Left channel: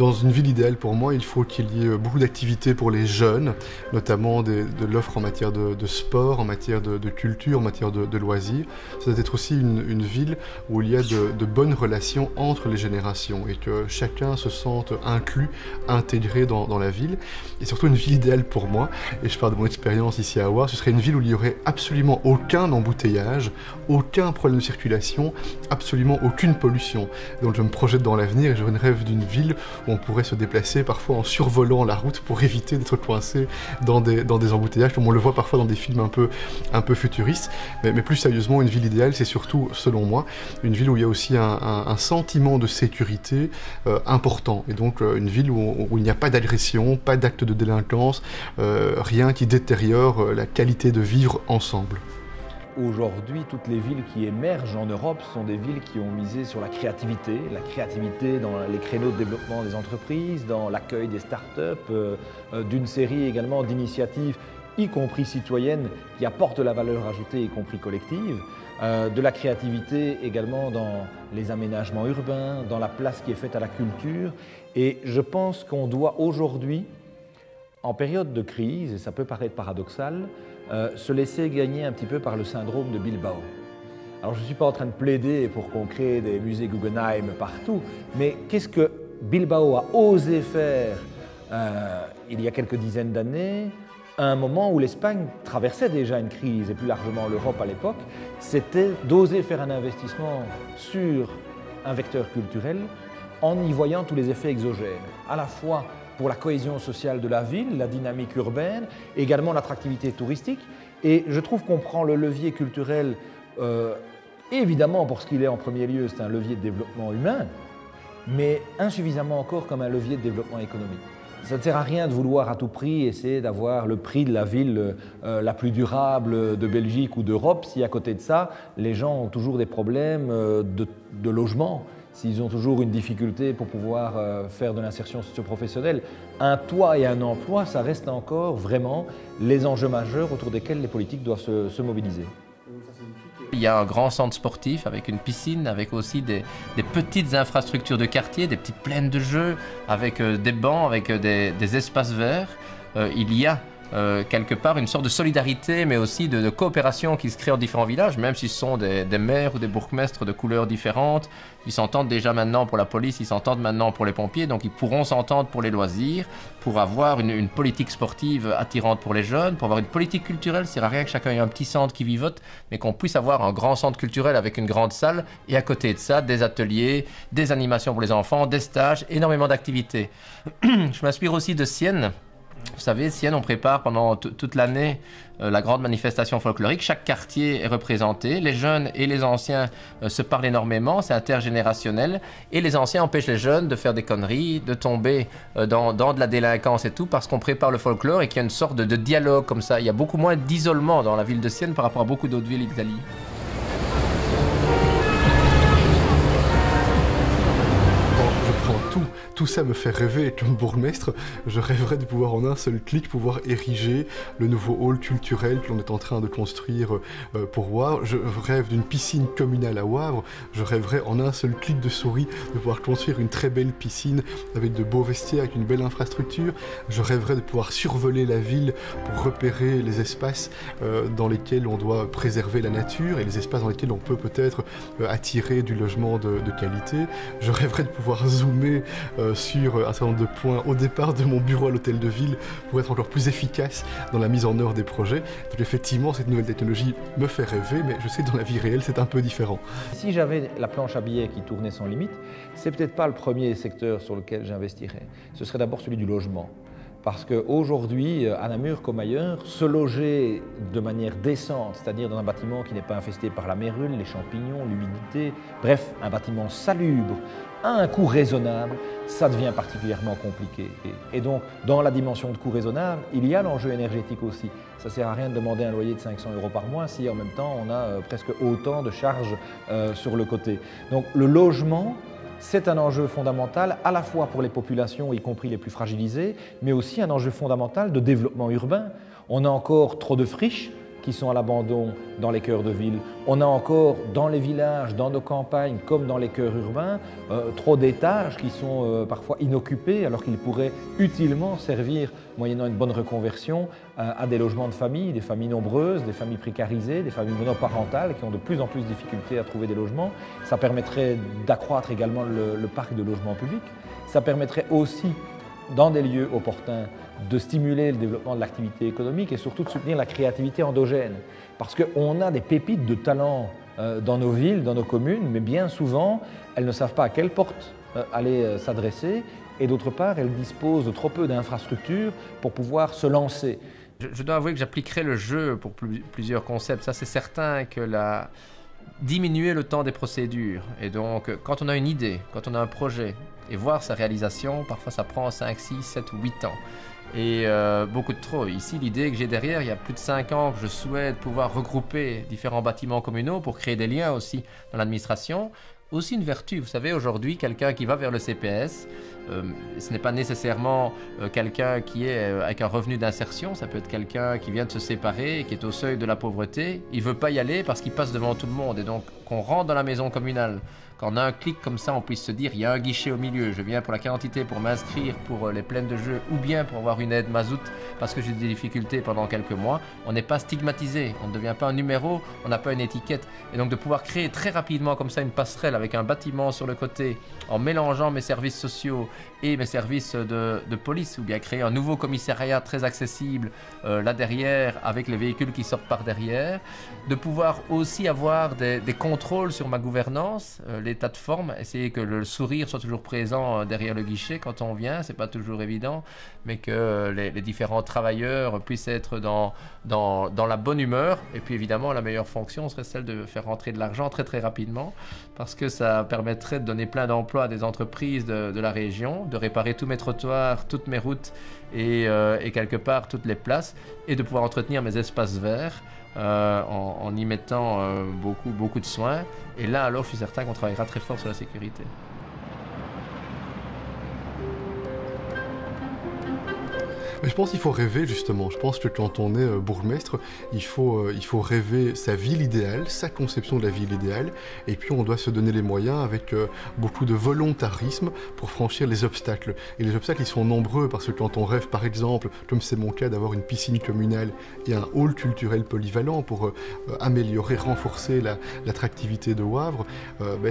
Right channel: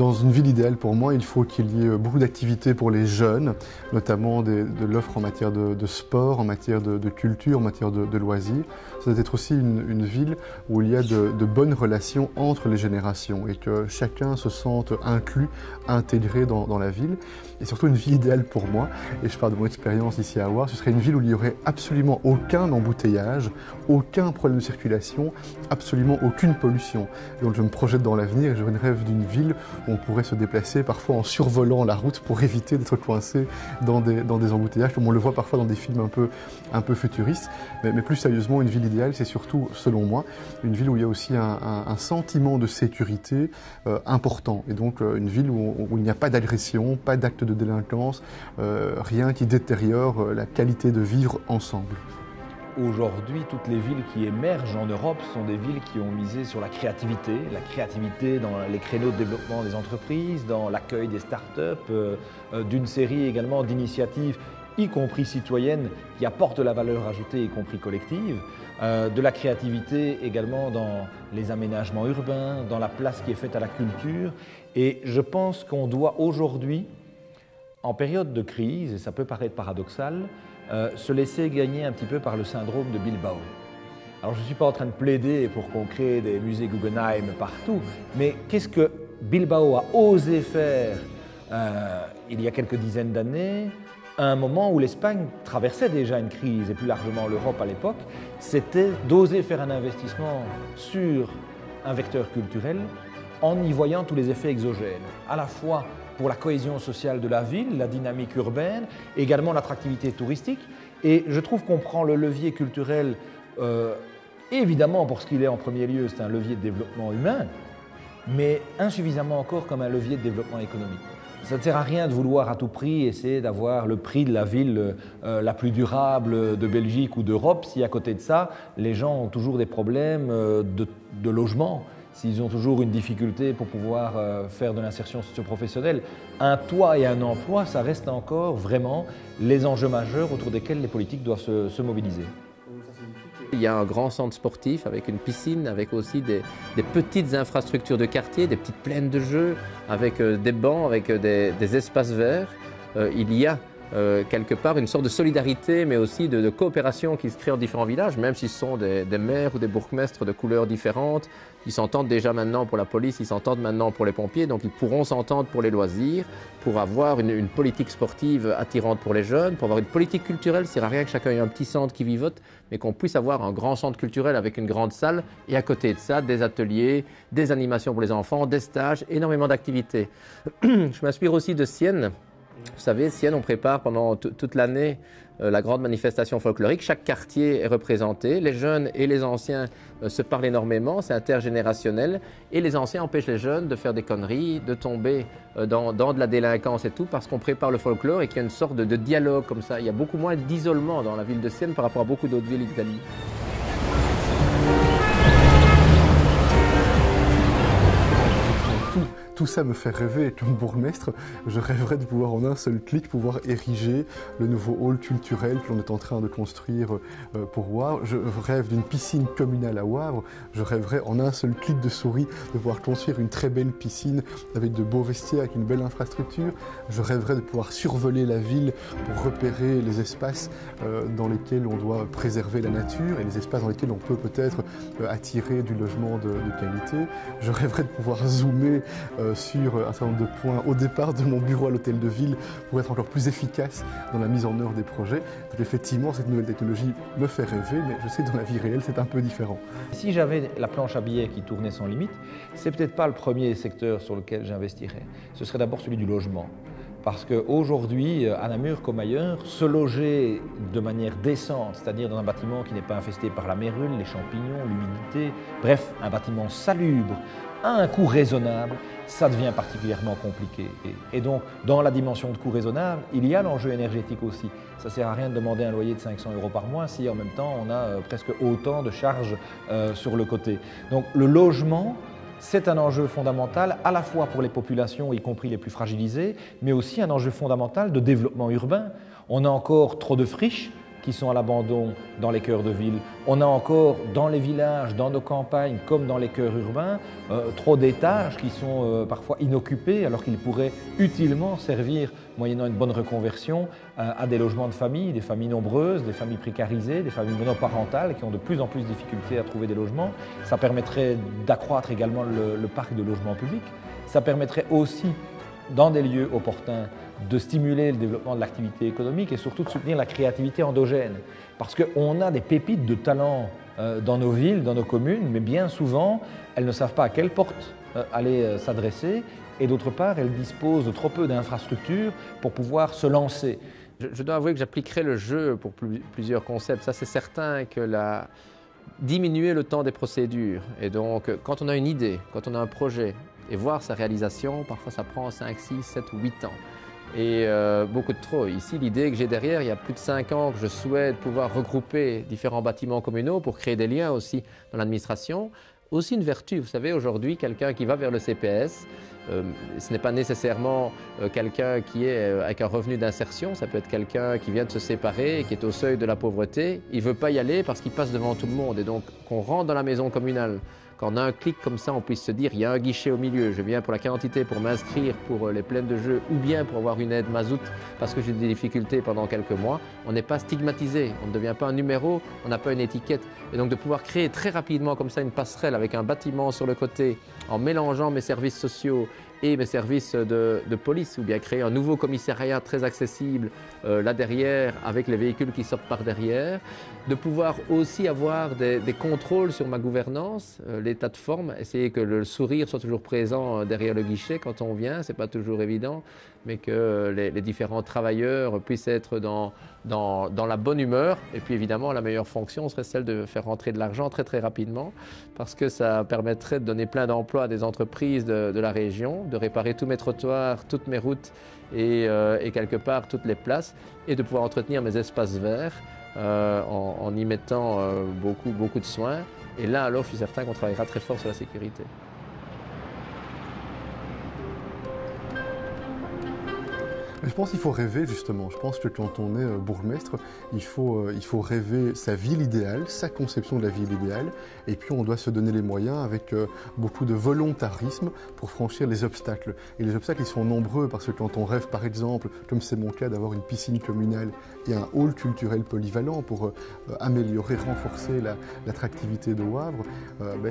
Dans une ville idéale pour moi, il faut qu'il y ait beaucoup d'activités pour les jeunes, notamment de l'offre en matière de sport, en matière de culture, en matière de loisirs. Ça doit être aussi une ville où il y a de bonnes relations entre les générations et que chacun se sente inclus, intégré dans la ville. Et surtout une ville idéale pour moi, et je parle de mon expérience ici à Auxerre, ce serait une ville où il n'y aurait absolument aucun embouteillage, aucun problème de circulation, absolument aucune pollution. Donc je me projette dans l'avenir et je rêve d'une ville où on pourrait se déplacer parfois en survolant la route pour éviter d'être coincé dans des embouteillages, comme on le voit parfois dans des films un peu futuristes. Mais plus sérieusement, une ville idéale, c'est surtout, selon moi, une ville où il y a aussi un sentiment de sécurité important. Et donc une ville où il n'y a pas d'agression, pas d'actes de délinquance, rien qui détériore la qualité de vivre ensemble. Aujourd'hui, toutes les villes qui émergent en Europe sont des villes qui ont misé sur la créativité dans les créneaux de développement des entreprises, dans l'accueil des startups, d'une série également d'initiatives, y compris citoyennes, qui apportent de la valeur ajoutée, y compris collective, de la créativité également dans les aménagements urbains, dans la place qui est faite à la culture. Et je pense qu'on doit aujourd'hui, en période de crise, et ça peut paraître paradoxal, se laisser gagner un petit peu par le syndrome de Bilbao. Alors je ne suis pas en train de plaider pour qu'on crée des musées Guggenheim partout, mais qu'est-ce que Bilbao a osé faire il y a quelques dizaines d'années, à un moment où l'Espagne traversait déjà une crise, et plus largement l'Europe à l'époque, c'était d'oser faire un investissement sur un vecteur culturel en y voyant tous les effets exogènes, à la fois pour la cohésion sociale de la ville, la dynamique urbaine, également l'attractivité touristique. Et je trouve qu'on prend le levier culturel, évidemment pour ce qu'il est en premier lieu, c'est un levier de développement humain, mais insuffisamment encore comme un levier de développement économique. Ça ne sert à rien de vouloir à tout prix essayer d'avoir le prix de la ville la plus durable de Belgique ou d'Europe si à côté de ça, les gens ont toujours des problèmes de logement, s'ils ont toujours une difficulté pour pouvoir faire de l'insertion socio-professionnelle. Un toit et un emploi, ça reste encore vraiment les enjeux majeurs autour desquels les politiques doivent se mobiliser. Il y a un grand centre sportif avec une piscine, avec aussi des petites infrastructures de quartier, des petites plaines de jeux, avec des bancs, avec des espaces verts. Il y a quelque part une sorte de solidarité, mais aussi de coopération qui se crée en différents villages, même si ce sont des maires ou des bourgmestres de couleurs différentes. Ils s'entendent déjà maintenant pour la police, ils s'entendent maintenant pour les pompiers, donc ils pourront s'entendre pour les loisirs, pour avoir une politique sportive attirante pour les jeunes, pour avoir une politique culturelle. Ça ne sert à rien que chacun ait un petit centre qui vivote, mais qu'on puisse avoir un grand centre culturel avec une grande salle, et à côté de ça, des ateliers, des animations pour les enfants, des stages, énormément d'activités. Je m'inspire aussi de Sienne. Vous savez, Sienne, on prépare pendant toute l'année la grande manifestation folklorique. Chaque quartier est représenté. Les jeunes et les anciens se parlent énormément, c'est intergénérationnel. Et les anciens empêchent les jeunes de faire des conneries, de tomber dans de la délinquance et tout, parce qu'on prépare le folklore et qu'il y a une sorte de dialogue comme ça. Il y a beaucoup moins d'isolement dans la ville de Sienne par rapport à beaucoup d'autres villes d'Italie. Tout ça me fait rêver, et comme bourgmestre, je rêverais de pouvoir en un seul clic pouvoir ériger le nouveau hall culturel que l'on est en train de construire pour Wavre. Je rêve d'une piscine communale à Wavre. Je rêverais en un seul clic de souris de pouvoir construire une très belle piscine avec de beaux vestiaires, avec une belle infrastructure. Je rêverais de pouvoir survoler la ville pour repérer les espaces dans lesquels on doit préserver la nature et les espaces dans lesquels on peut peut-être attirer du logement de qualité. Je rêverais de pouvoir zoomer sur un certain nombre de points au départ de mon bureau à l'hôtel de ville pour être encore plus efficace dans la mise en œuvre des projets. Donc effectivement, cette nouvelle technologie me fait rêver, mais je sais que dans la vie réelle, c'est un peu différent. Si j'avais la planche à billets qui tournait sans limite, c'est peut-être pas le premier secteur sur lequel j'investirais. Ce serait d'abord celui du logement. Parce qu'aujourd'hui, à Namur comme ailleurs, se loger de manière décente, c'est-à-dire dans un bâtiment qui n'est pas infesté par la mérule, les champignons, l'humidité, bref, un bâtiment salubre, à un coût raisonnable, ça devient particulièrement compliqué. Et donc, dans la dimension de coût raisonnable, il y a l'enjeu énergétique aussi. Ça ne sert à rien de demander un loyer de 500 € par mois si en même temps on a presque autant de charges sur le côté. Donc le logement, c'est un enjeu fondamental à la fois pour les populations, y compris les plus fragilisées, mais aussi un enjeu fondamental de développement urbain. On a encore trop de friches qui sont à l'abandon dans les cœurs de ville. On a encore dans les villages, dans nos campagnes, comme dans les cœurs urbains, trop d'étages qui sont parfois inoccupés alors qu'ils pourraient utilement servir, moyennant une bonne reconversion, à des logements de famille, des familles nombreuses, des familles précarisées, des familles monoparentales qui ont de plus en plus de difficultés à trouver des logements. Ça permettrait d'accroître également le parc de logements publics. Ça permettrait aussi, dans des lieux opportuns, de stimuler le développement de l'activité économique et surtout de soutenir la créativité endogène. Parce qu'on a des pépites de talent dans nos villes, dans nos communes, mais bien souvent, elles ne savent pas à quelle porte aller s'adresser et d'autre part, elles disposent de trop peu d'infrastructures pour pouvoir se lancer. Je dois avouer que j'appliquerai le jeu pour plusieurs concepts. Ça, c'est certain que diminuer le temps des procédures. Et donc, quand on a une idée, quand on a un projet, et voir sa réalisation, parfois ça prend 5, 6, 7 ou 8 ans. Et beaucoup de trop. Ici, l'idée que j'ai derrière, il y a plus de 5 ans, que je souhaite pouvoir regrouper différents bâtiments communaux pour créer des liens aussi dans l'administration. Aussi une vertu, vous savez, aujourd'hui, quelqu'un qui va vers le CPS, ce n'est pas nécessairement quelqu'un qui est avec un revenu d'insertion, ça peut être quelqu'un qui vient de se séparer, qui est au seuil de la pauvreté, il ne veut pas y aller parce qu'il passe devant tout le monde. Et donc, qu'on rentre dans la maison communale, quand on a un clic comme ça, on puisse se dire, il y a un guichet au milieu, je viens pour la carte d'identité, pour m'inscrire pour les plaines de jeu, ou bien pour avoir une aide mazout parce que j'ai des difficultés pendant quelques mois. On n'est pas stigmatisé, on ne devient pas un numéro, on n'a pas une étiquette. Et donc de pouvoir créer très rapidement comme ça une passerelle avec un bâtiment sur le côté, en mélangeant mes services sociaux et mes services de police, ou bien créer un nouveau commissariat très accessible là derrière, avec les véhicules qui sortent par derrière, de pouvoir aussi avoir des contrôles sur ma gouvernance, les plateformes, essayer que le sourire soit toujours présent derrière le guichet quand on vient, c'est pas toujours évident, mais que les différents travailleurs puissent être dans la bonne humeur. Et puis évidemment, la meilleure fonction serait celle de faire rentrer de l'argent très très rapidement, parce que ça permettrait de donner plein d'emplois à des entreprises de la région, de réparer tous mes trottoirs, toutes mes routes et quelque part toutes les places, et de pouvoir entretenir mes espaces verts en y mettant beaucoup de soins. Et là, alors, je suis certain qu'on travaillera très fort sur la sécurité. Mais je pense qu'il faut rêver justement. Je pense que quand on est bourgmestre, il faut rêver sa ville idéale, sa conception de la ville idéale, et puis on doit se donner les moyens avec beaucoup de volontarisme pour franchir les obstacles. Et les obstacles, ils sont nombreux parce que quand on rêve, par exemple, comme c'est mon cas, d'avoir une piscine communale et un hall culturel polyvalent pour améliorer, renforcer l'attractivité de Wavre,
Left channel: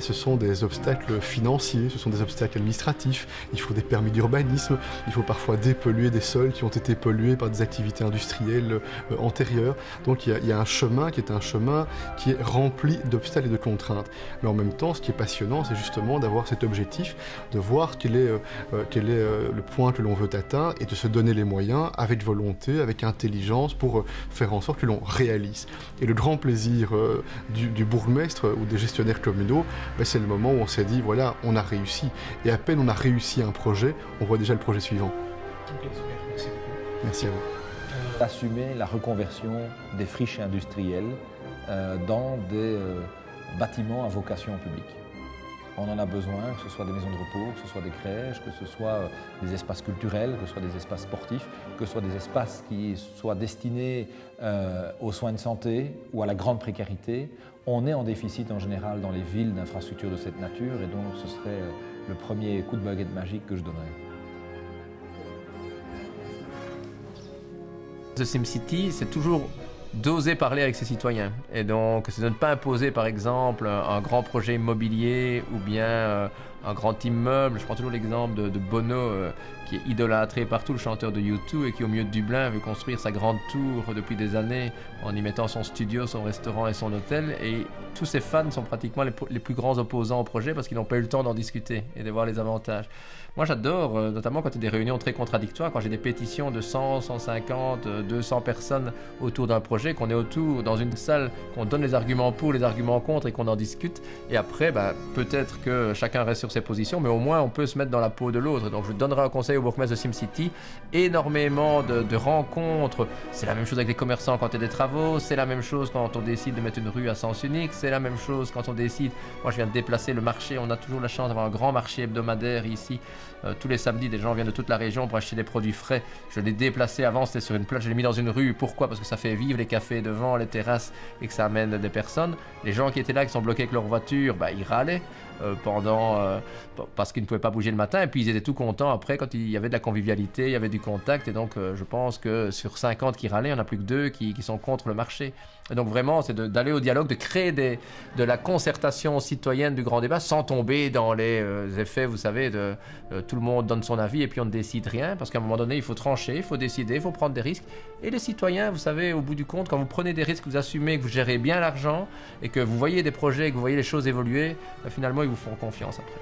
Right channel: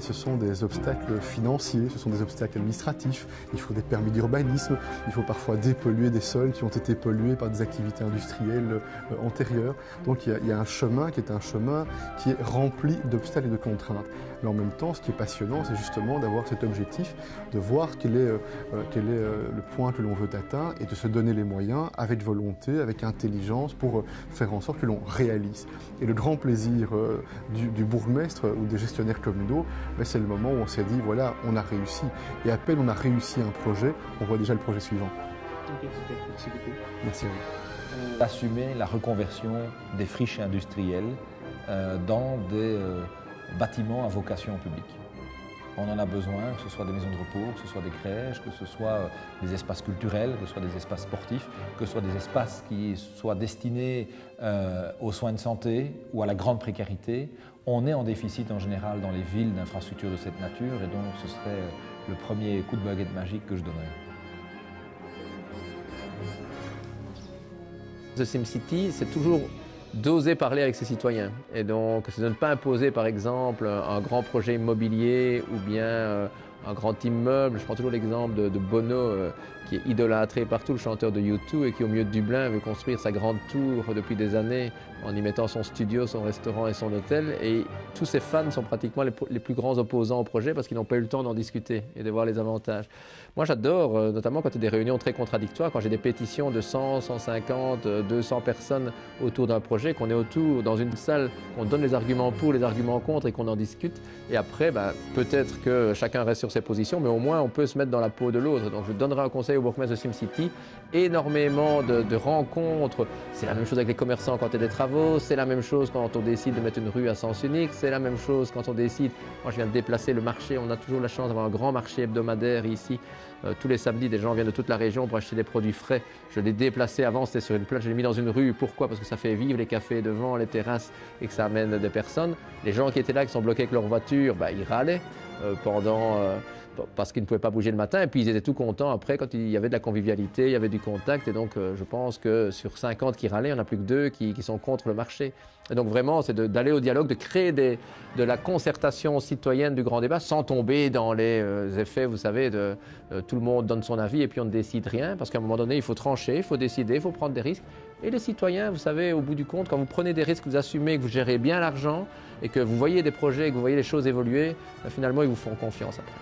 ce sont des obstacles financiers, ce sont des obstacles administratifs. Il faut des permis d'urbanisme, il faut parfois dépolluer des sols qui ont été pollués par des activités industrielles antérieures. Donc il y a un chemin qui est rempli d'obstacles et de contraintes. Mais en même temps, ce qui est passionnant, c'est justement d'avoir cet objectif, de voir quel est le point que l'on veut atteindre et de se donner les moyens avec volonté, avec intelligence pour faire en sorte que l'on réalise. Et le grand plaisir du bourgmestre ou des gestionnaires communaux, c'est le moment où on s'est dit, voilà, on a réussi. Et à peine on a réussi un projet, on voit déjà le projet suivant. Ok, super. Merci beaucoup. Merci à vous. Assumer la reconversion des friches industrielles dans des bâtiments à vocation publique. On en a besoin, que ce soit des maisons de repos, que ce soit des crèches, que ce soit des espaces culturels, que ce soit des espaces sportifs, que ce soit des espaces qui soient destinés aux soins de santé ou à la grande précarité. On est en déficit en général dans les villes d'infrastructures de cette nature et donc ce serait le premier coup de baguette magique que je donnerais. The SimCity, c'est toujours d'oser parler avec ses citoyens. Et donc, c'est de ne pas imposer, par exemple, un grand projet immobilier ou bien un grand immeuble. Je prends toujours l'exemple de Bono, qui est idolâtré partout, le chanteur de U2, et qui, au milieu de Dublin, veut construire sa grande tour depuis des années en y mettant son studio, son restaurant et son hôtel. Et tous ses fans sont pratiquement les plus grands opposants au projet parce qu'ils n'ont pas eu le temps d'en discuter et de voir les avantages. Moi, j'adore, notamment quand il y a des réunions très contradictoires, quand j'ai des pétitions de 100, 150, 200 personnes autour d'un projet, qu'on est autour dans une salle, qu'on donne les arguments pour, les arguments contre et qu'on en discute. Et après, peut-être que chacun reste sur sur ses positions, mais au moins on peut se mettre dans la peau de l'autre. Donc je donnerai un conseil au bourgmestre de SimCity, énormément de rencontres. C'est la même chose avec les commerçants quand il y a des travaux, c'est la même chose quand on décide de mettre une rue à sens unique, c'est la même chose quand on décide, moi je viens de déplacer le marché, on a toujours la chance d'avoir un grand marché hebdomadaire ici. Tous les samedis, des gens viennent de toute la région pour acheter des produits frais. Je l'ai déplacé avant, c'était sur une plage, je l'ai mis dans une rue. Pourquoi? Parce que ça fait vivre les cafés devant, les terrasses et que ça amène des personnes. Les gens qui étaient là, qui sont bloqués avec leur voiture, ils râlaient parce qu'ils ne pouvaient pas bouger le matin. Et puis ils étaient tout contents après quand il y avait de la convivialité, il y avait du contact. Et donc je pense que sur 50 qui râlaient, il n'y en a plus que 2 qui sont contre le marché. Et donc vraiment, c'est d'aller au dialogue, de créer de la concertation citoyenne du grand débat sans tomber dans les effets, vous savez, de tout le monde donne son avis et puis on ne décide rien. Parce qu'à un moment donné, il faut trancher, il faut décider, il faut prendre des risques. Et les citoyens, vous savez, au bout du compte, quand vous prenez des risques, vous assumez, que vous gérez bien l'argent et que vous voyez des projets, que vous voyez les choses évoluer, finalement, ils vous font confiance après.